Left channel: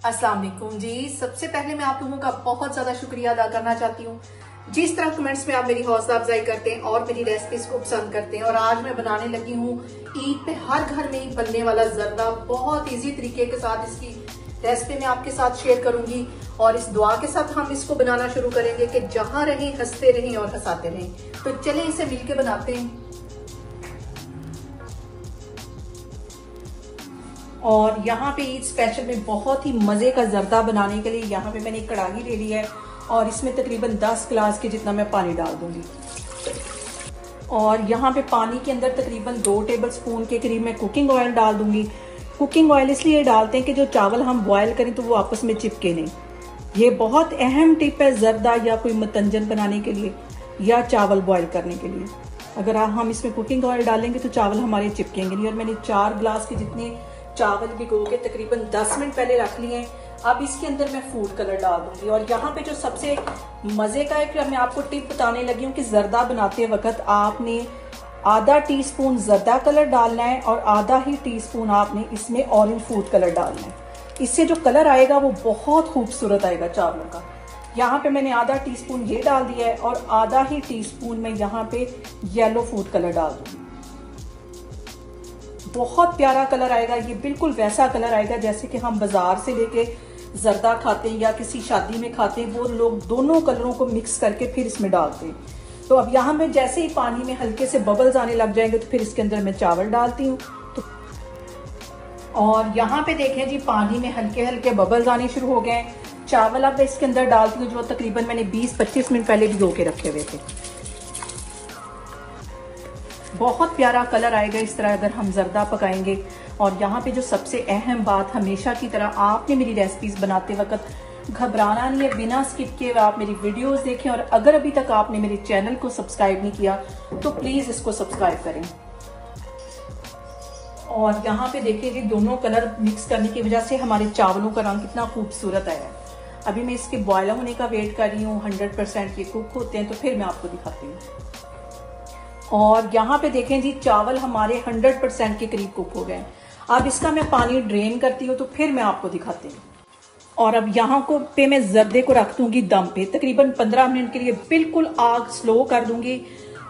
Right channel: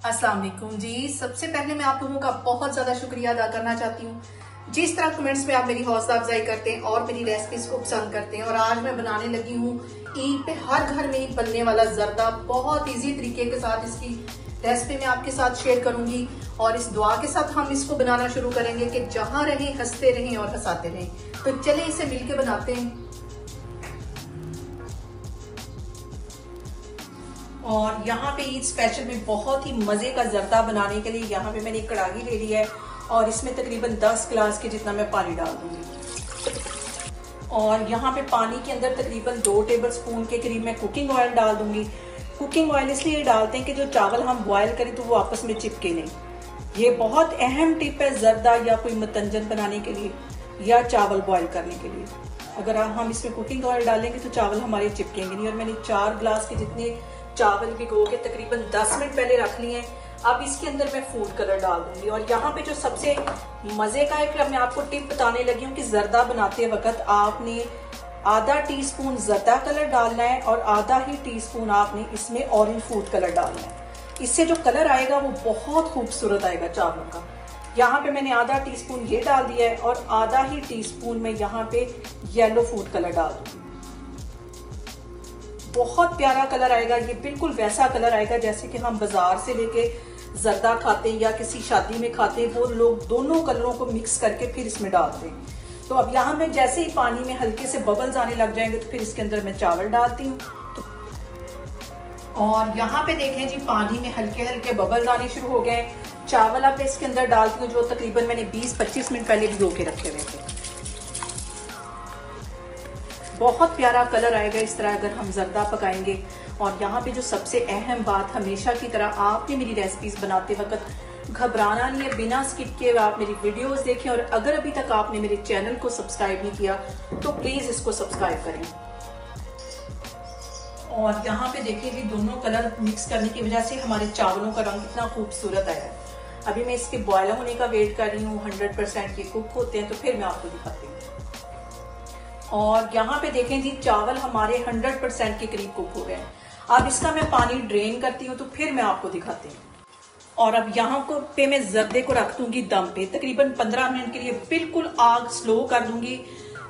अस्सलाम वालेकुम जी। सबसे पहले मैं आप लोगों का बहुत ज्यादा शुक्रिया अदा करना चाहती हूँ जिस तरह कमेंट्स में आप मेरी हौसला अफजाई करते हैं और मेरी रेसिपीज को पसंद करते हैं। और आज मैं बनाने लगी हूँ ईद पे हर घर में ही बनने वाला जर्दा। बहुत इजी तरीके के साथ इसकी रेसिपी मैं आपके साथ शेयर करूंगी और इस दुआ के साथ हम इसको बनाना शुरू करेंगे कि जहां रहें हंसते रहें और हंसाते रहें। तो चलें इसे मिलके बनाते हैं। और यहाँ पे ईद स्पेशल में बहुत ही मजे का जर्दा बनाने के लिए यहाँ पे मैंने एक कढ़ाई ले ली है और इसमें तकरीबन 10 गिलास के जितना मैं पानी डाल दूंगी। और यहाँ पे पानी के अंदर तकरीबन 2 टेबलस्पून के करीब मैं कुकिंग ऑयल डाल दूंगी। कुकिंग ऑयल इसलिए डालते हैं कि जो चावल हम बॉयल करें तो वो आपस में चिपके नहीं। ये बहुत अहम टिप है जर्दा या कोई मतंजन बनाने के लिए या चावल बॉयल करने के लिए। अगर हम इसमें कुकिंग ऑयल डालेंगे तो चावल हमारे चिपकेंगे नहीं। और मैंने 4 गिलास के जितने चावल भिगो के तकरीबन 10 मिनट पहले रख लिए हैं। अब इसके अंदर मैं फूड कलर डाल दूंगी। और यहाँ पे जो सबसे मजे का है, मैं आपको टिप बताने लगी हूँ कि जर्दा बनाते वक्त आपने आधा टीस्पून जर्दा कलर डालना है और आधा ही टीस्पून आपने इसमें ऑरेंज फूड कलर डालना है। इससे जो कलर आएगा वो बहुत खूबसूरत आएगा चावलों का। यहाँ पे मैंने आधा टीस्पून ये डाल दिया है और आधा ही टीस्पून में यहाँ पे येलो फूड कलर डाल दूंगी। बहुत प्यारा कलर आएगा। ये बिल्कुल वैसा कलर आएगा जैसे कि हम बाजार से लेके जर्दा खाते हैं या किसी शादी में खाते हैं। वो लोग दोनों कलरों को मिक्स करके फिर इसमें डालते हैं। तो अब यहाँ में जैसे ही पानी में हल्के से बबल्स आने लग जाएंगे तो फिर इसके अंदर मैं चावल डालती हूँ। और यहाँ पे देखें जी, पानी में हल्के हल्के बबल्स आने शुरू हो गए। चावल अब इसके अंदर डालती हूँ जो तकरीबन मैंने 20-25 मिनट पहले भिगो के रखे हुए थे। बहुत प्यारा कलर आएगा इस तरह अगर हम जर्दा पकाएंगे। और यहाँ पे जो सबसे अहम बात, हमेशा की तरह आपने मेरी रेसिपीज बनाते वक्त घबराना नहीं है। बिना स्किप किए आप मेरी वीडियोस देखें। और अगर अभी तक आपने मेरे चैनल को सब्सक्राइब नहीं किया तो प्लीज इसको सब्सक्राइब करें। और यहाँ पे देखिए जी, दोनों कलर मिक्स करने की वजह से हमारे चावलों का रंग कितना खूबसूरत आएगा। अभी मैं इसके बॉयल होने का वेट कर रही हूँ। 100% ये कुक होते हैं तो फिर मैं आपको दिखाती हूँ। और यहाँ पे देखें जी, चावल हमारे 100% के करीब कुक हो गए हैं। अब इसका मैं पानी ड्रेन करती हूँ तो फिर मैं आपको दिखाती हूँ। और अब यहाँ को पे मैं जर्दे को रख दूंगी दम पे तकरीबन 15 मिनट के लिए। बिल्कुल आग स्लो कर दूंगी।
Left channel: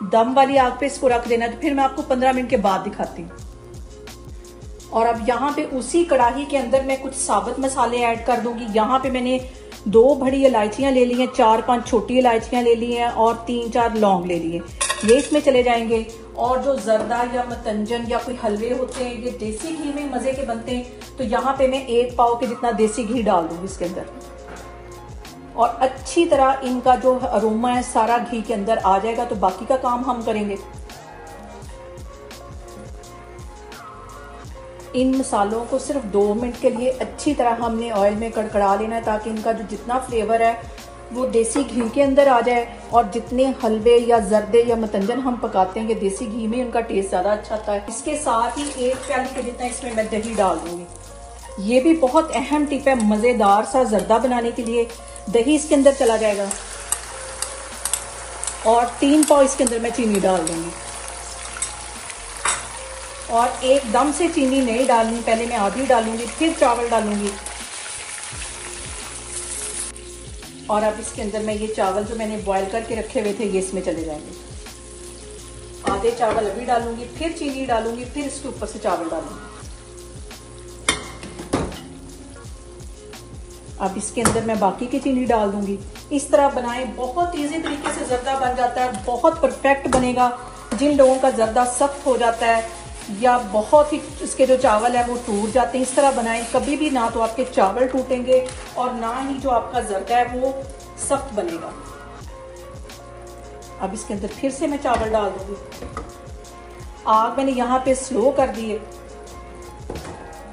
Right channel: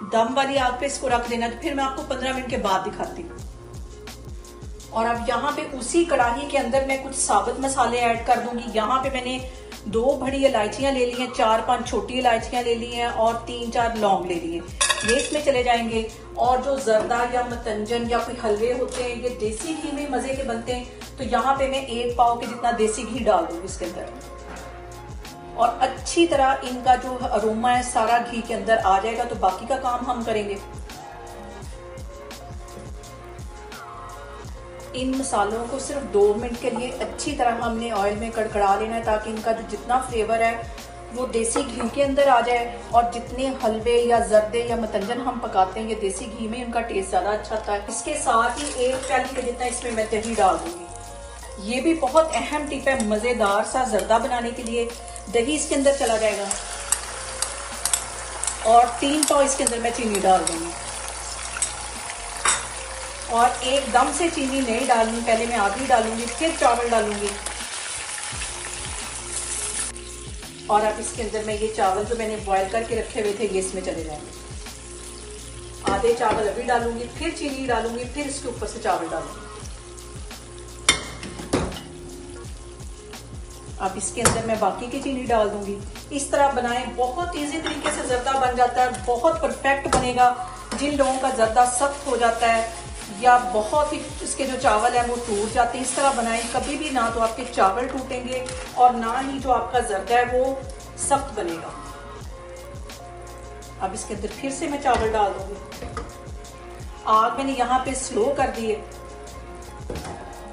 दम वाली आग पे इसको रख देना। तो फिर मैं आपको 15 मिनट के बाद दिखाती हूँ। और अब यहाँ पे उसी कढ़ाई के अंदर मैं कुछ साबुत मसाले ऐड कर दूंगी। यहाँ पे मैंने 2 बड़ी इलायचियां ले ली हैं, 4-5 छोटी इलायचियां ले ली हैं और 3-4 लौंग ले लिए। ये इसमें चले जाएंगे। और जो जर्दा या मतंजन या कोई हलवे होते हैं ये देसी घी में मजे के बनते हैं। तो यहाँ पे मैं 1 पाव के जितना देसी घी डाल दूंगी इसके अंदर। और अच्छी तरह इनका जो अरोमा है सारा घी के अंदर आ जाएगा तो बाकी का काम हम करेंगे। इन मसालों को सिर्फ 2 मिनट के लिए अच्छी तरह हमने ऑयल में कड़कड़ा लेना है ताकि इनका जो जितना फ्लेवर है वो देसी घी के अंदर आ जाए। और जितने हलवे या जर्दे या मतंजन हम पकाते हैं ये देसी घी में उनका टेस्ट ज्यादा अच्छा आता है। इसके साथ ही 1 प्याली के जितना इसमें मैं दही डाल दूंगी। ये भी बहुत अहम टिप है मजेदार सा जर्दा बनाने के लिए। दही इसके अंदर चला जाएगा और 3 पाव इसके अंदर मैं चीनी डाल दूंगी। और एकदम से चीनी नहीं डालनी, पहले मैं आधी डालूंगी फिर चावल डालूंगी। और अब इसके अंदर मैं ये चावल जो मैंने बॉयल करके रखे हुए थे ये इसमें चले जाएंगे। आधे चावल अभी डालूंगी फिर चीनी डालूंगी फिर इसके ऊपर से चावल डालूंगी। अब इसके अंदर मैं बाकी की चीनी डाल दूंगी। इस तरह बनाएं, बहुत इजी तरीके से जर्दा बन जाता है। बहुत परफेक्ट बनेगा। जिन लोगों का जर्दा सख्त हो जाता है या बहुत ही इसके जो चावल है वो टूट जाते हैं, इस तरह बनाएं। कभी भी ना तो आपके चावल टूटेंगे और ना ही जो आपका जर्दा है वो सख्त बनेगा। अब इसके अंदर फिर से मैं चावल डाल दूंगी। आग मैंने यहाँ पे स्लो कर दी है।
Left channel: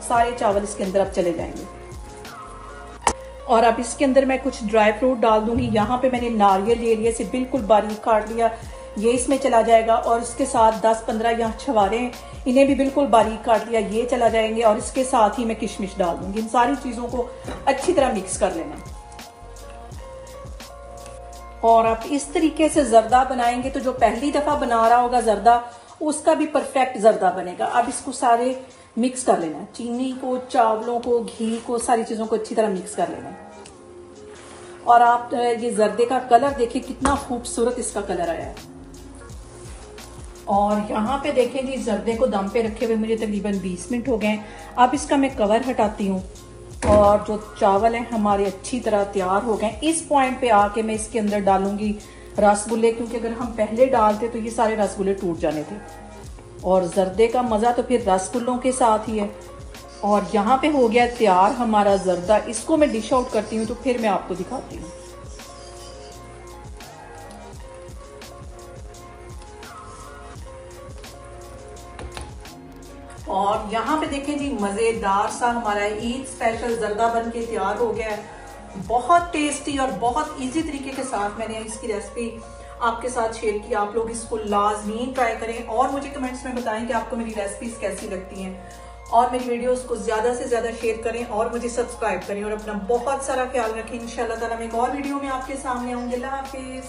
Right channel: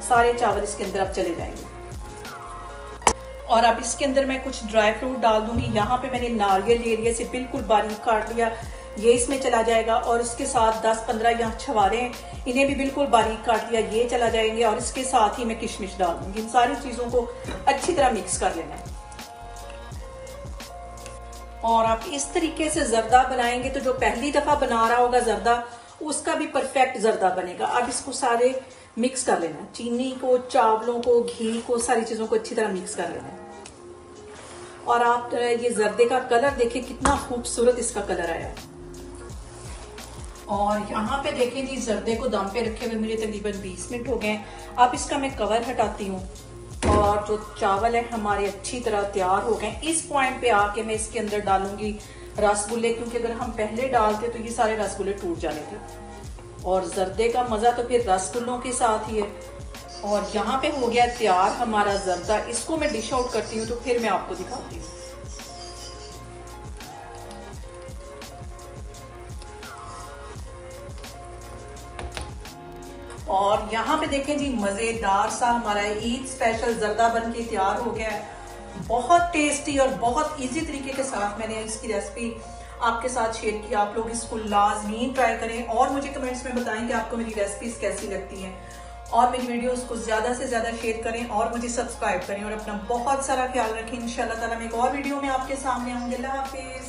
सारे चावल इसके अंदर अब चले जाएंगे। और अब इसके अंदर मैं कुछ ड्राई फ्रूट डाल दूंगी। यहाँ पे मैंने नारियल ले लिया, इसे बिल्कुल बारीक काट लिया, ये इसमें चला जाएगा। और इसके साथ 10-15 यहाँ छुहारे हैं, इन्हें भी बिल्कुल बारीक काट लिया, ये चला जाएंगे। और इसके साथ ही मैं किशमिश डाल दूंगी। इन सारी चीजों को अच्छी तरह मिक्स कर लेना है। और आप इस तरीके से जर्दा बनाएंगे तो जो पहली दफा बना रहा होगा जर्दा उसका भी परफेक्ट जर्दा बनेगा। अब इसको सारे मिक्स कर लेना है। चीनी को, चावलों को, घी को, सारी चीजों को अच्छी तरह मिक्स कर लेना है। और आप ये जर्दे का कलर देखिए कितना खूबसूरत इसका कलर आया है। और यहाँ पे देखें जी, जर्दे को दम पे रखे हुए मुझे तकरीबन 20 मिनट हो गए। अब इसका मैं कवर हटाती हूँ और जो चावल है हमारे अच्छी तरह तैयार हो गए। इस पॉइंट पे आके मैं इसके अंदर डालूंगी रसगुल्ले, क्योंकि अगर हम पहले डालते तो ये सारे रसगुल्ले टूट जाने थे। और जर्दे का मजा तो फिर रसगुल्लों के साथ ही है। और यहाँ पे हो गया तैयार हमारा जर्दा। इसको मैं डिश आउट करती हूँ तो फिर मैं आपको दिखाती हूँ। और यहाँ पे देखें जी, मजेदार सा हमारा ईद स्पेशल जर्दा बन के तैयार हो गया है। बहुत टेस्टी और बहुत इजी तरीके के साथ मैंने इसकी रेसिपी आपके साथ शेयर की। आप लोग इसको लाजमी ट्राई करें और मुझे कमेंट्स में बताएं कि आपको मेरी रेसिपीज कैसी लगती हैं। और मेरी वीडियोस को ज्यादा से ज्यादा शेयर करें और मुझे सब्सक्राइब करें। और अपना बहुत सारा ख्याल रखें। इंशाल्लाह ताला मैं एक और वीडियो में आपके सामने आऊंगी। अल्लाह हाफिज।